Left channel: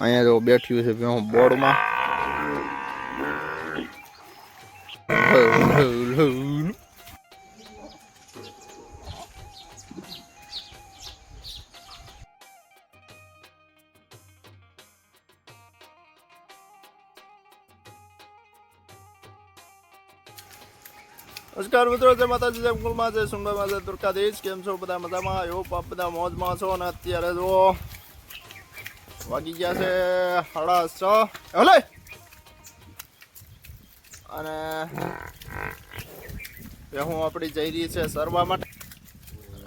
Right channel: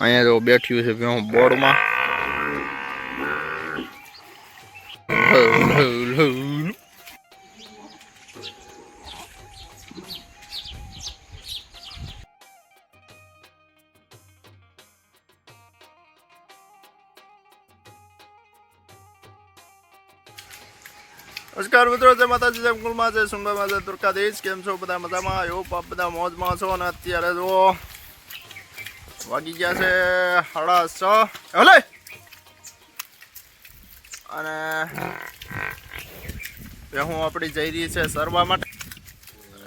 અહીંયા જો બેઠ્યું છે ભેહું બોર્ડમાં નમસ્કાર મિત્રો જય માતાજી જય કુલમાં જય સુંદરમાં જય દુર્ગાધીશ કેમ છો બધા મજામાં આયો બાપ બધા મોજમાં છો અને અત્યારે જો વાગી ગયા છે સાડા છ. હલે! અને બેહું આપણી જઈ રહી છે સરવા માટે.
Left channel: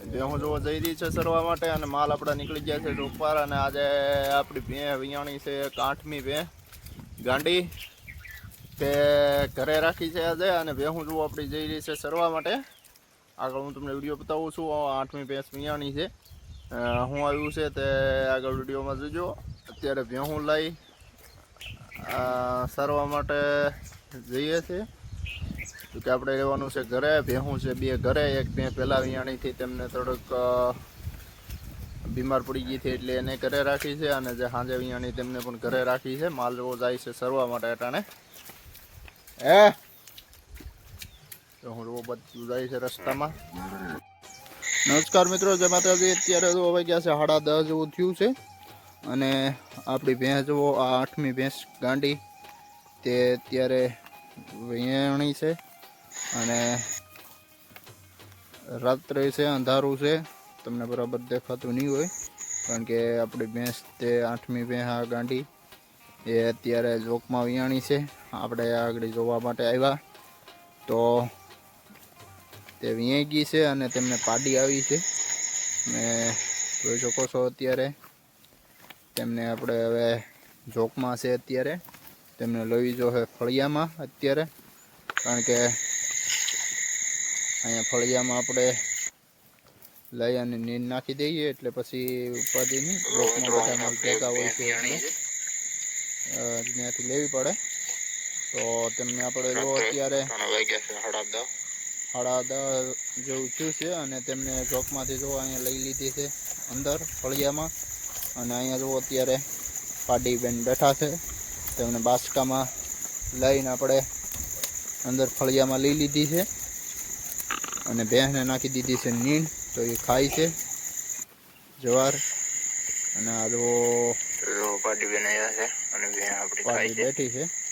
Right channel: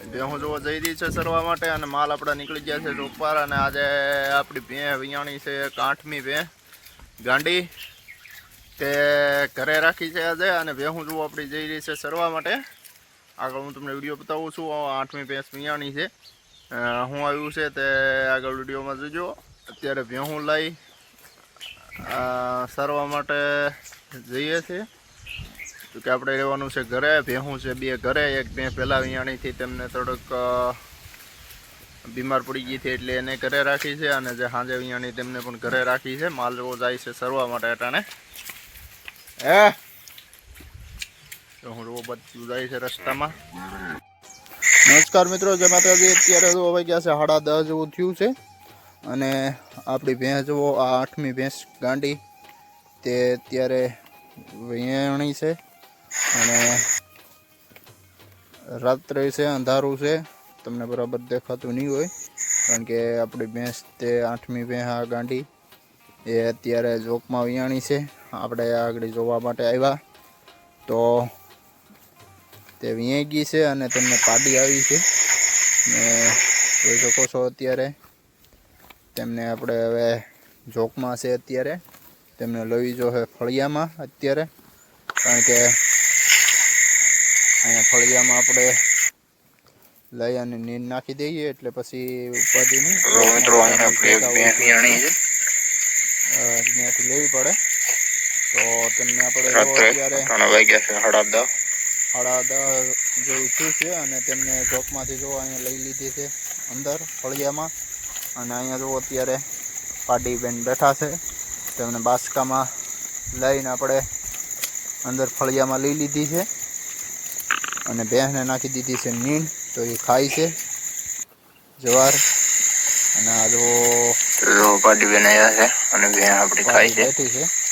બેહું જોવો જઈ રહી છે સરવા માટે અને માલ આપણા નીકળી ગયા છે ચોપાર અને આજે આપણી ભે વિયાણી છે એક આઠમી ભે. ગાંડી તે ઘરે રાખી છે આજે અને ભેહું જોવો આપણી જઈ રહી છે સરવા માટે. આગળ હું તમને વીડિયો બતાવું છું આઠમી ભેંસ વિયાણી છે. હું આવ્યું છે તે આગળ વિડીયોમાં જોજો. અત્યારે ભેહું લઈ સરવા માટે જઈએ છીએ. તો કે આપણે રહેવાનું છે ઘરે, ભેહું છે બે ઘરે, એક ભે પહેલાં વિયાણીથી તેમને થોડુંક બીમાર પડી ગઈ હતી એટલે એને ઘરે રાખી છે અને જે સાંજે વિયાણી તેમને પણ ઘરે રાખી છે. માલ જેવો જાય છે સરવા માટે અટાણે. હે? હું રોબત જાય છે રસ્તામાં. નમસ્કાર મિત્રો, જય માતાજી. અત્યારે તો હવે ગયા છે સાડા દસ જેવું થયું છે. અને આપણી ભેંસ જુઓ, આ આઠમી ભેંસ ગાંડી. તે અત્યારે વેણી છે અને રાત્રે છે, અંધારું છે. તમને બરાબર દેખાતું નહીં હોય, કારણ કે આપણી ભેંસ તે આઠમી ભેંસ આ ગાંડી. એ અત્યારે જોકમાં વિયાણી છે. આપણે આગળ જોવા માટે આવ્યા. તો તે ગઈ છે અને તેમને પાડી આવી છે. ને જોઈ શકો છો અત્યારે તેમને આપણે હવે જોકમાં છે અત્યારે. તેમને લઈ જો છે ફળિયામાં અત્યારે. કારણ કે અહીંયા ફળિયામાં આપણે લઈ અને નીંદ નાખી દઈએ એટલે પછી ઉપાધિની ત્યાંથી લેવી પડે. તો તેમને આપણે જો અત્યારે સાડા દસ જેવું થયું છે અને તેમને ચોકમાંથી જો અહીંયા લઈ લીધી છે અંદર ફળિયામાં. અને અહીંયા જો અત્યારે પાટીબેન બેઠા છે. તેમને બાસકામાં લઈને આપણે અંદર ફળિયામાં લઈ લીધી છે. અને ભેંસને નાખી દીધી છે નીણ તો એ ખાય છે. જવાર. અને આ જો પાટીબેન આવ્યા છે અને છે. બેઠી છે.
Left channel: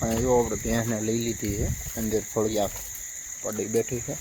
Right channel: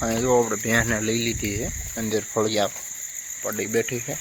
અને જો આપણે ભેંસને લઈ લીધી છે અંદર ફળિયા પડી બેઠી છે.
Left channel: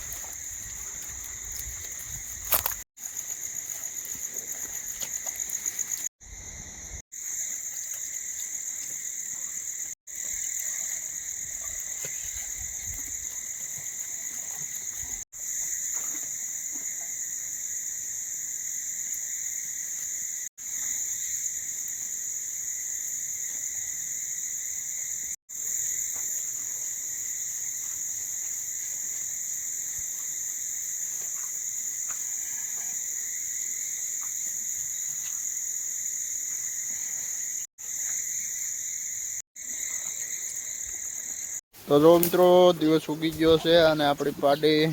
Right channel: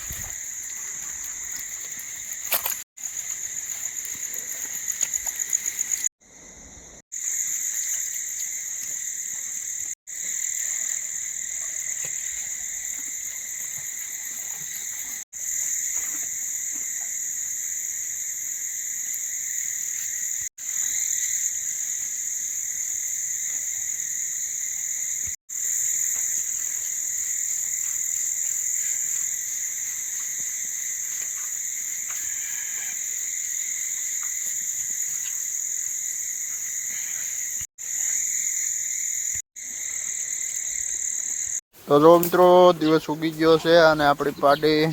તો જો મિત્રો, દિવસ ઉગી ગયો છે અને આપણી પાડી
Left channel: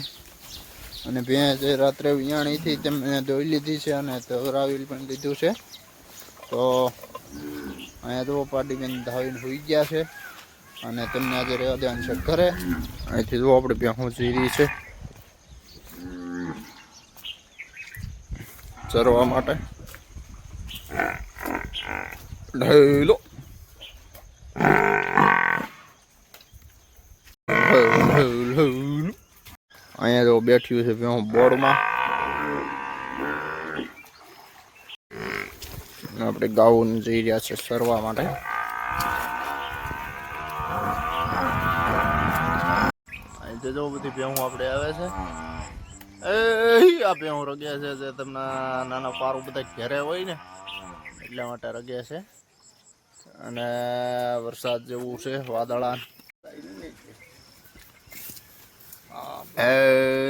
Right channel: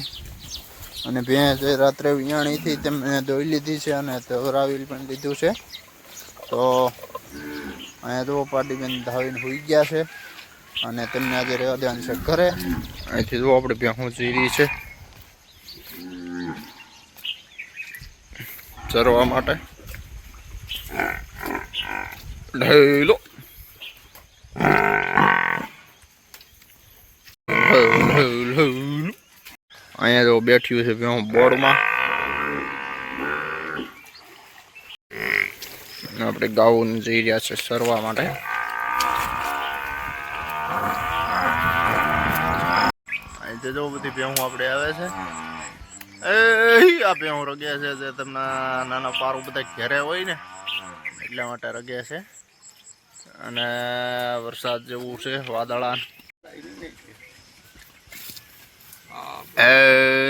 અને ભેંસ એ રાત્રે વિયાણીથી તેમને ધોઈ લીધી છે અને ધોરાવી પણ લીધું છે. તો અહીંયા જુઓ, પાડી બેન ધાવીને હોઈ ગયા છે અને તેમને આજે રહેવા દેવાનું છે ઘરે. અહીંથી જુઓ, આપણે ભેહું જીરી છે. ચરવા માટે. ઢેલો અહીંયા જો બેઠ્યું છે ભેહું બોર્ડમાં. આપણે ગાઉન જઈ રહ્યા છે સરવા માટે. અહીંથી જો બધી ભેહું આપણે આવે છે. એ આ ભેહું રગ્યા છે જે તમને નાના પારું બધા ઘેરે હોય ને એટલા માટે રગ્યા છે. અને વરસાદ જેવું છે વાદળા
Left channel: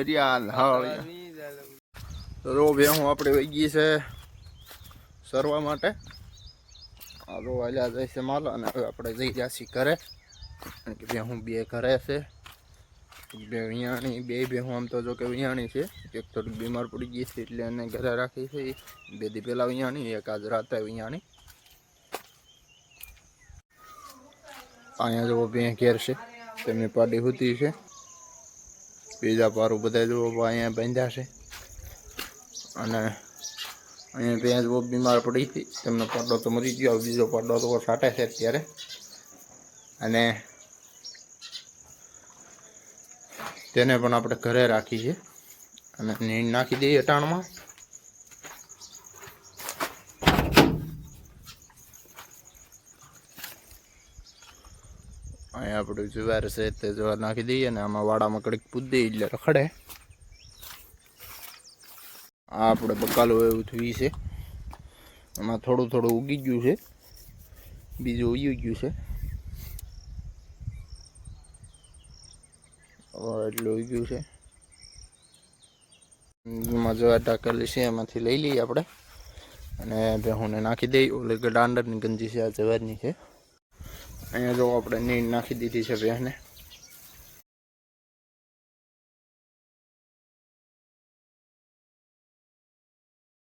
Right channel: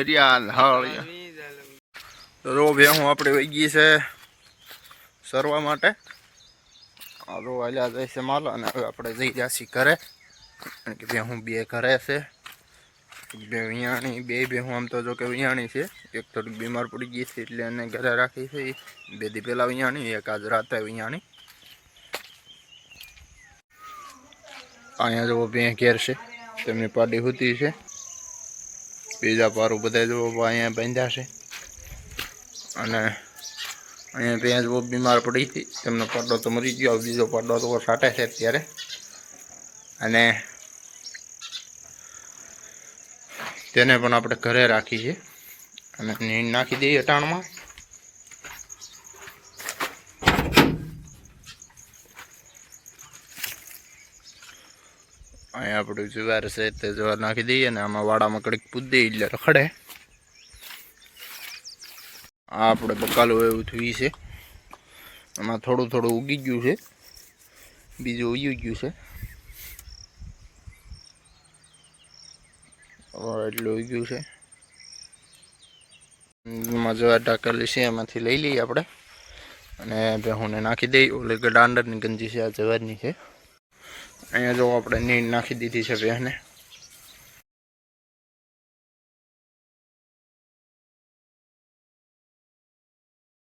એરિયાલ હળિયા જો ભેહું આપણે વહી ગઈ છે સરવા માટે. રો હાલ્યા જાય છે માલ અને હવે આપણે જઈ જાસી ઘરે. કારણ કે ભેહું બે ઘરે છે. બે વિયાણી બે ભેહું આમ તો જો કે વિયાણી છે. એક થોડીક બીમાર પડી ગઈ છે એટલે એને ઘરે રાખી છે. બે દી પહેલાં વિયાણી એક આજ રાતે વિયાણી. અહીંયા જો બે ઘેર છે. તેમની પાડી હોતી છે. બીજા પારું બધા જુઓ અહીંયા બાંધ્યા છે. અને અહીંયા ત્યાં બહુ બીમાર પડી હતી. તેમનો પાડો તો મરી ગયો બીજો પાડો તો સાટે છે અત્યારે. અને તેને પણ આપણે ઘરે રાખી છે અને નીંદ નાખી દઈએ અટાણમાં. અહીંયા આપણું જુવાર છે તે જુવાર નાખી દઈએ અને આમાં વાડામાં કડીક પૂદી એટલે રખડે. આ આપણે બકાલું એવું થયું છે. આમાં થોડું થોડું ઉગી ગયું છે. બીજું ઉગી ગયું છે. એટલું ઉગ્યું છે. એમાં જવા ટાકેલી છે, એમાંથી લઈ લઈએ આપણે અને ભેહુંને નાખી દઈએ. ઓલે દાંડરની ગંજી છે, આ જવારની છે. અહીંયા જો આપણે નીંદ નાખી દીધી છે ભેંસને